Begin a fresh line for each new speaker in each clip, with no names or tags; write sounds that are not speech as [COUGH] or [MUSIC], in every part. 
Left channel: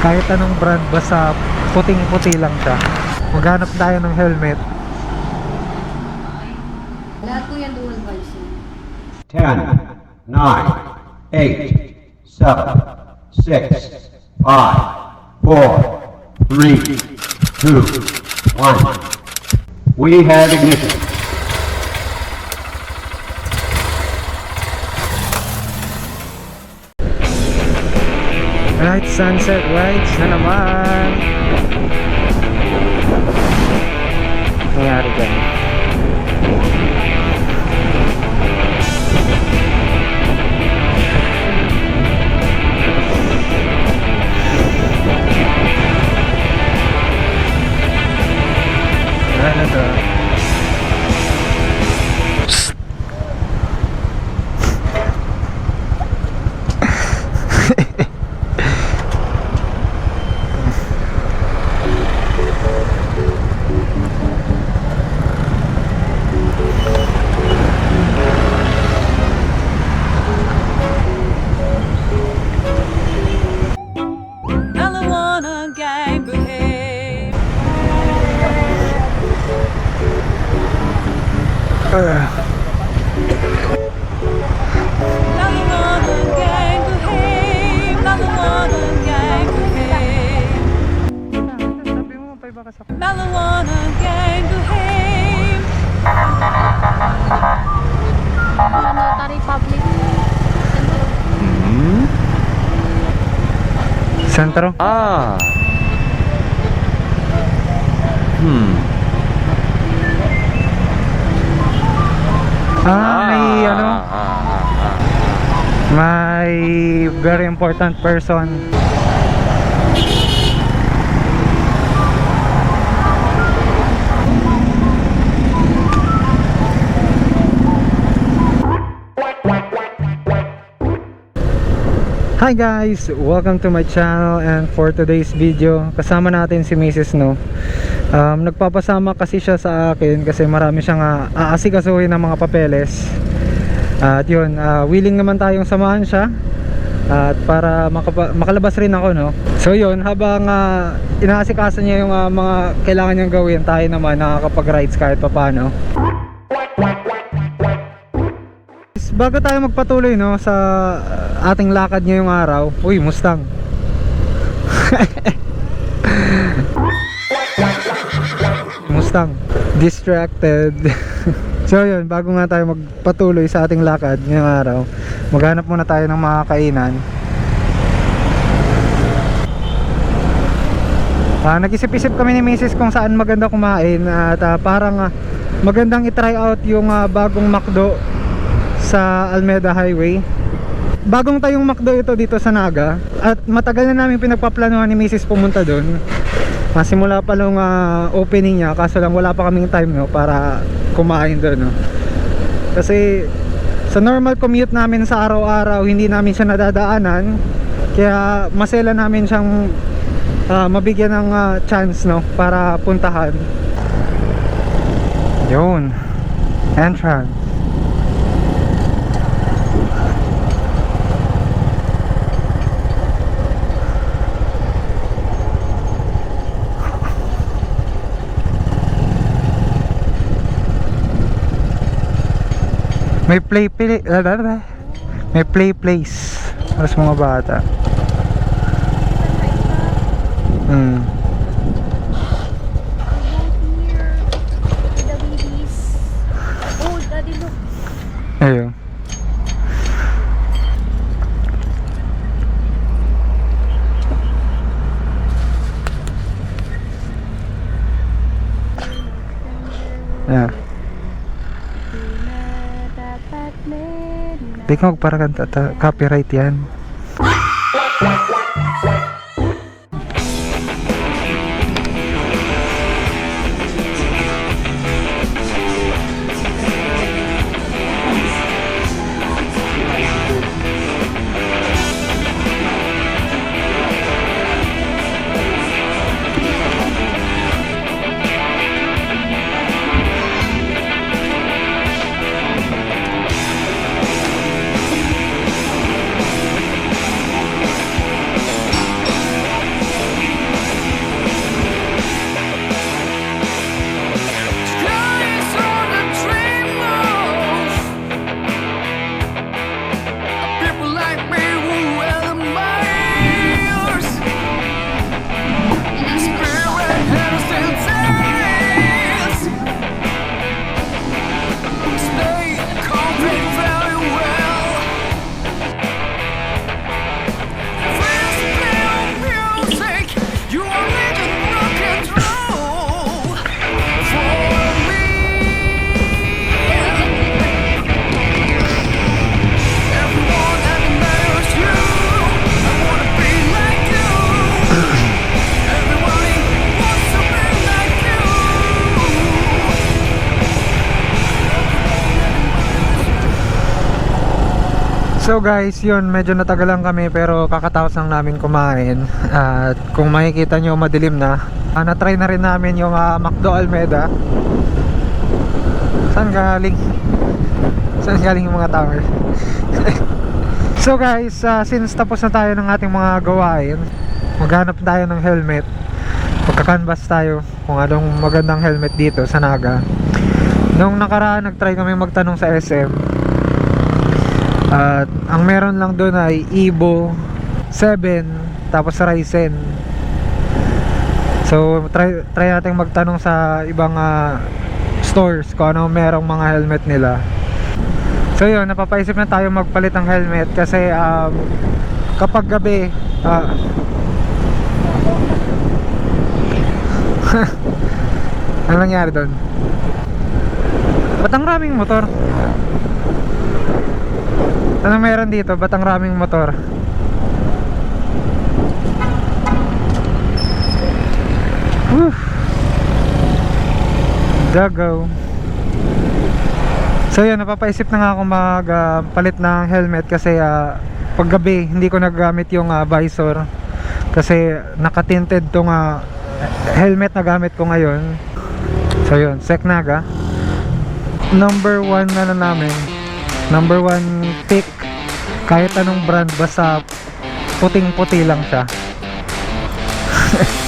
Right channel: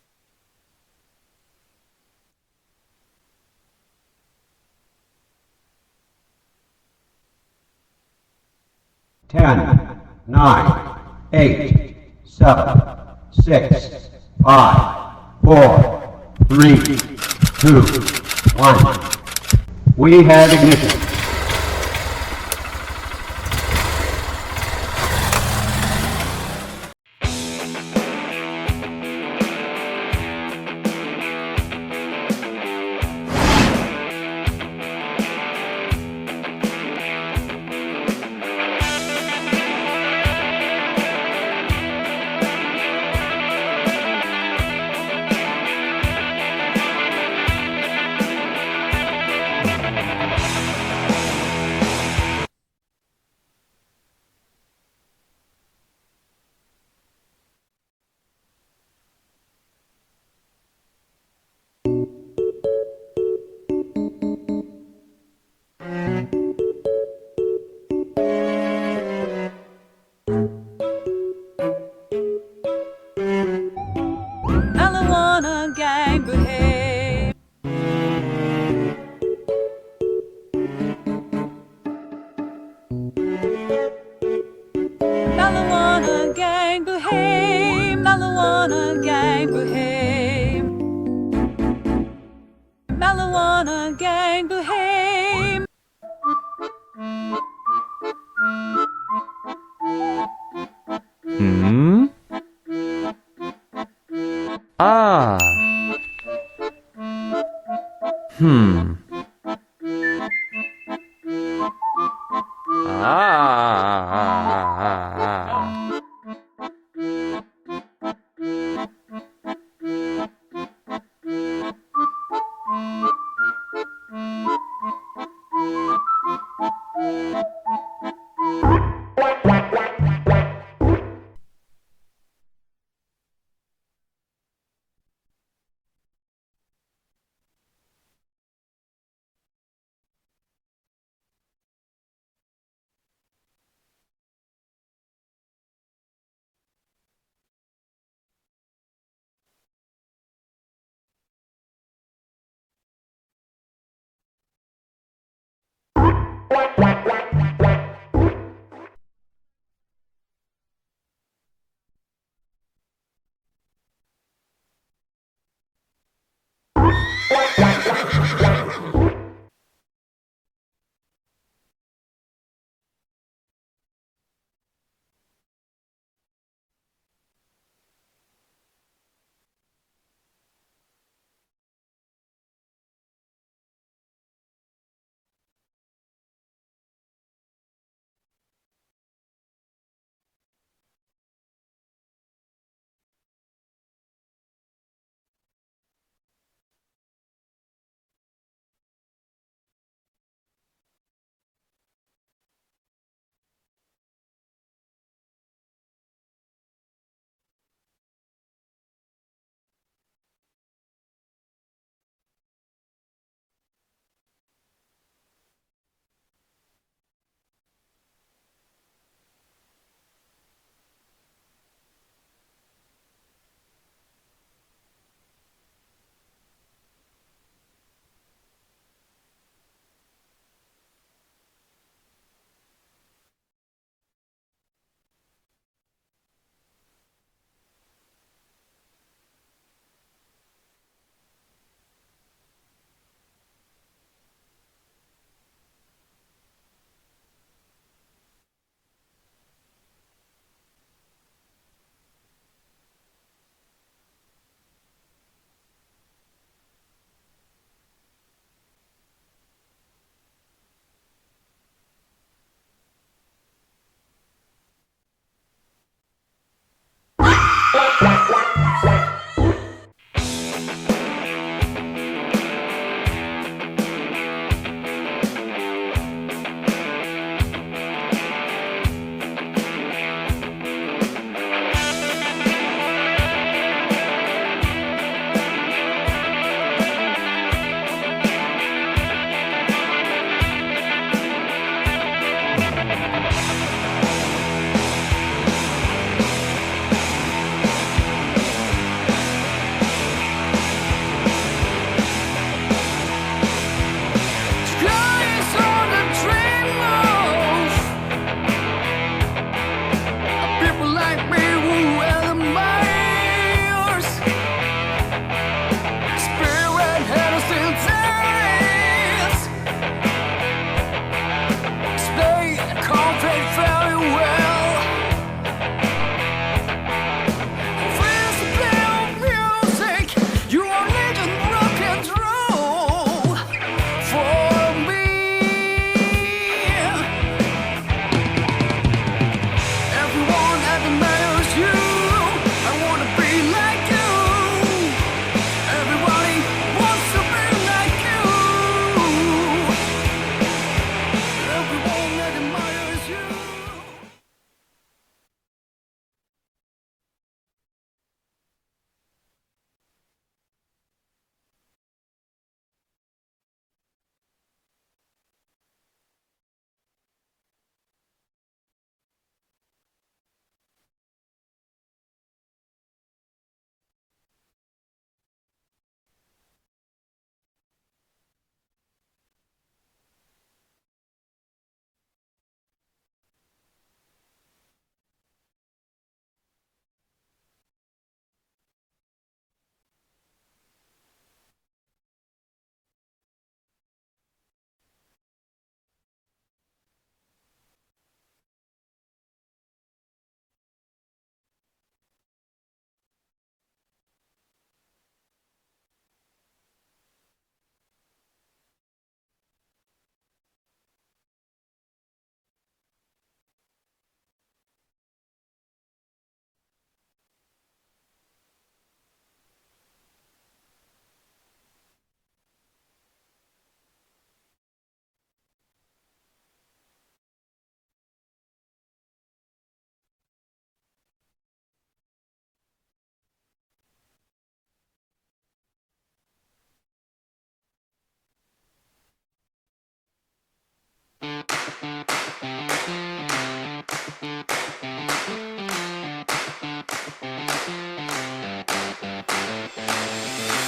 Kahit anong brand, basta puting-puti lang siya. Maghanap tayo ng helmet.
Lahat po yan dual visor.
10, 9, 8, 7, 6, 5, 4, 3, 2, 1. We have ignition.
Alawana gang behave. Alawana gang behave. Alawana Marijuana gang behave.
Notary public.
Hmm?
Sentro?
Ah. Hmm.
Ah, may, ano,
Ah, ah, ah, ah, ah.
may very important person. Hi guys! Welcome to my channel and for today's video kasama natin si Mrs. No um, Nagpapasama kasi siya sa akin kasi marami siyang uh, aasikasuhin ng mga papeles At yun, ah, willing naman tayong samahan siya At para makalabas rin ako no So yun, habang uh, inaasikaso niya yung ah, mga kailangan niyang gawin Tayo naman nakakapag-rides kahit papano Bago tayo magpatuloy no sa uh, ating lakad ngayong araw. Uy, Mustang. [LAUGHS] Mustang. Distracted. [LAUGHS] so yun, bago nga tayo magpatuloy sa ating lakad ngayong araw, maghanap muna tayo ng mga kainan. Ah, nag-isip-isip kami ni Mrs. kung saan maganda kumain at ah, parang ah, magandang i-try out yung ah, bagong McDo sa Almeda Highway. Bagong tayong McDo ito dito sa Naga at matagal na namin pinagpaplanuhan ni Mrs. pumunta doon. Ah, simula pa nung ah, opening niya kaso lang wala pa kaming time no para kumain doon no. Kasi sa normal commute namin sa araw-araw hindi namin siya nadadaanan kaya masela namin siyang ah, mabigyan ng ah, chance no para puntahan. Yun. Entrance. May play play May play place sa mga bata. Hmm.
Meron
Di ka magparagan ta- copyright yan. [LAUGHS] So guys, yun, medyo natagalan kami pero kakatapos lang namin kumain. At kung makikita nyo, madilim na. Uh, Na-try na rin namin yung ah, McDo Almeda Saan galing? Saan galing yung mga tao? [LAUGHS] so guys, ah, since tapos na tayo ng ating mga gawain Maghanap tayo ng helmet. Magkakanvas tayo kung anong magandang helmet dito sa Naga. Nung nakaraan, nagtry kami magtanong sa SM at ang meron lang doon ay Evo 7 tapos Ryzen. So try try nating magtanong sa ibang ah, stores kung ano merong mga helmet nila. So yun, napapaisip na tayo magpalit ng helmet kasi um, kapag gabi ah, [LAUGHS] ano nangyari doon? Ba't ang raming motor? Ano meron dito? Ba't ang raming motor? Whew. Dagaw. So yun, napapaisip na nga ako magpalit ng helmet kasi uh, paggabi hindi ko nagamit yung ah, visor kasi nakatinted tong ah, helmet na gamit ko ngayon. So yun, Seknaga. Number one na na namin. Number one pick. Kahit anong brand basta puting puti lang siya. [LAUGHS]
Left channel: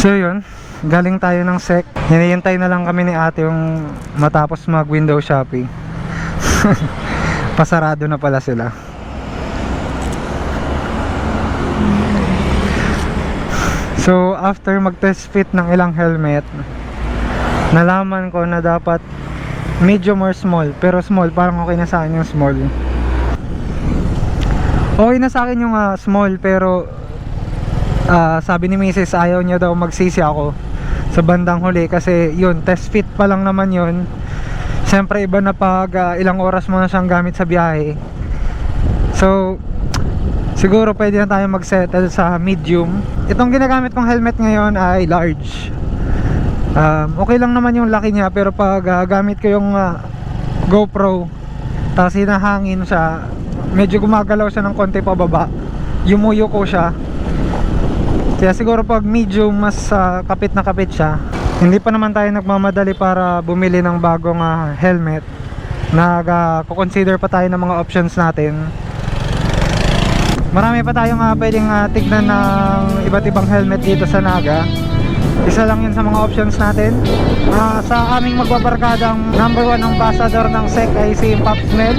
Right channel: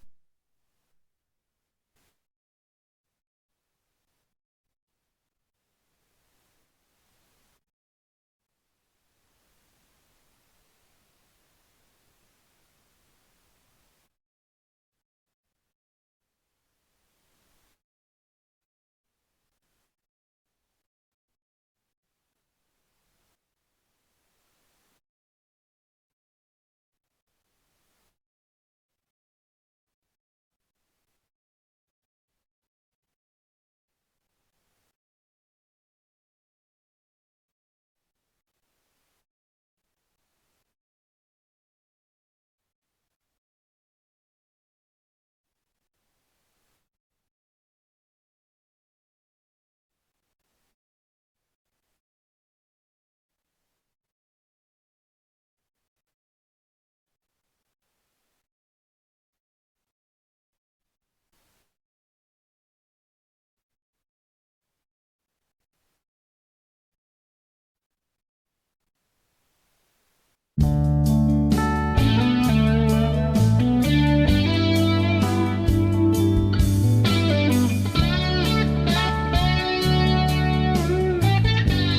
So yun, galing tayo ng sec. Hinihintay na lang kami ni ate yung matapos mag window shopping. [LAUGHS] Pasarado na pala sila. So after mag test fit ng ilang helmet, nalaman ko na dapat medium or small. Pero small, parang okay na sa akin yung small. Okay na sa akin yung ah, small pero Ah, sabi ni Mrs. ayaw niya daw magsisi ako sa bandang huli kasi yun test fit pa lang naman yun. Siyempre iba na pag ah, ilang oras mo na siyang gamit sa biyahe. So siguro pwede na tayo mag-settle sa medium. Itong ginagamit kong helmet ngayon ay large. Um, okay lang naman yung laki niya pero pag ah, gamit ko yung ah, GoPro tapos hinahangin siya medyo gumagalaw siya ng konti pababa. Yumuyo ko siya kaya siguro pag medium mas ah, kapit na kapit siya Hindi pa naman tayo nagmamadali para bumili ng bagong ah, helmet. Nag-consider pa tayo ng mga options natin. Marami pa tayong uh, pwedeng ah, tignan ng iba't ibang helmet dito sa Naga. Isa lang yun sa mga options natin. Ah, Sa aming magbabarkadang number one ambassador ng SEC ay si Pops Mel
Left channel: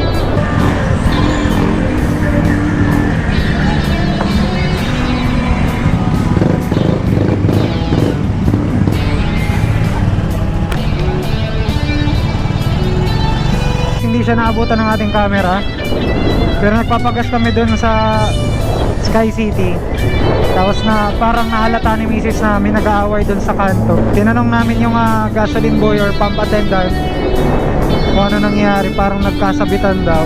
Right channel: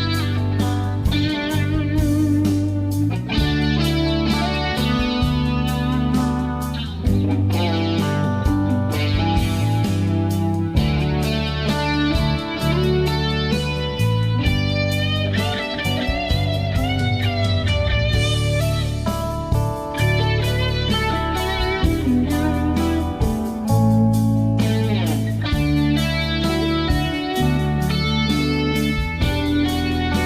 siya naabutan ng ating camera. Pero nagpapagas kami dun sa Sky City. Tapos na parang naalata ni Mrs. na may nag-aaway dun sa kanto. Tinanong namin yung ah, gasoline boy or pump attendant kung ano nangyari. Parang nagkasabitan daw.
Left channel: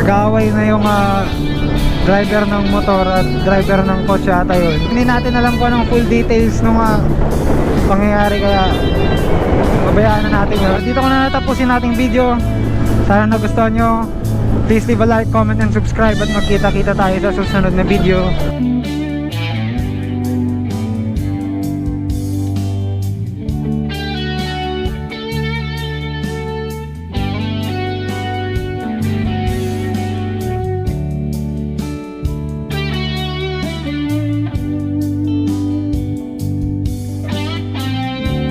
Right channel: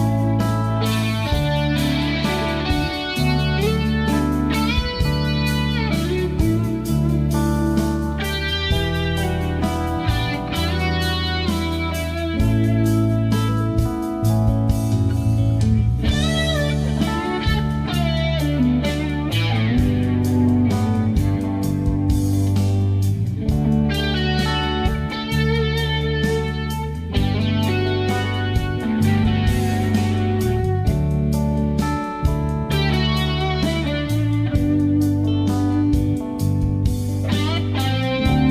Nag-aaway na yung ah, driver ng motor at driver ng kotse ata yun. Hindi natin alam kung anong full details ng mga pangyayari kaya pabayaan na natin yun. Dito ko na natapusin nating video. Sana nagustuhan nyo. Please leave a like, comment and subscribe. At magkita kita tayo sa susunod na video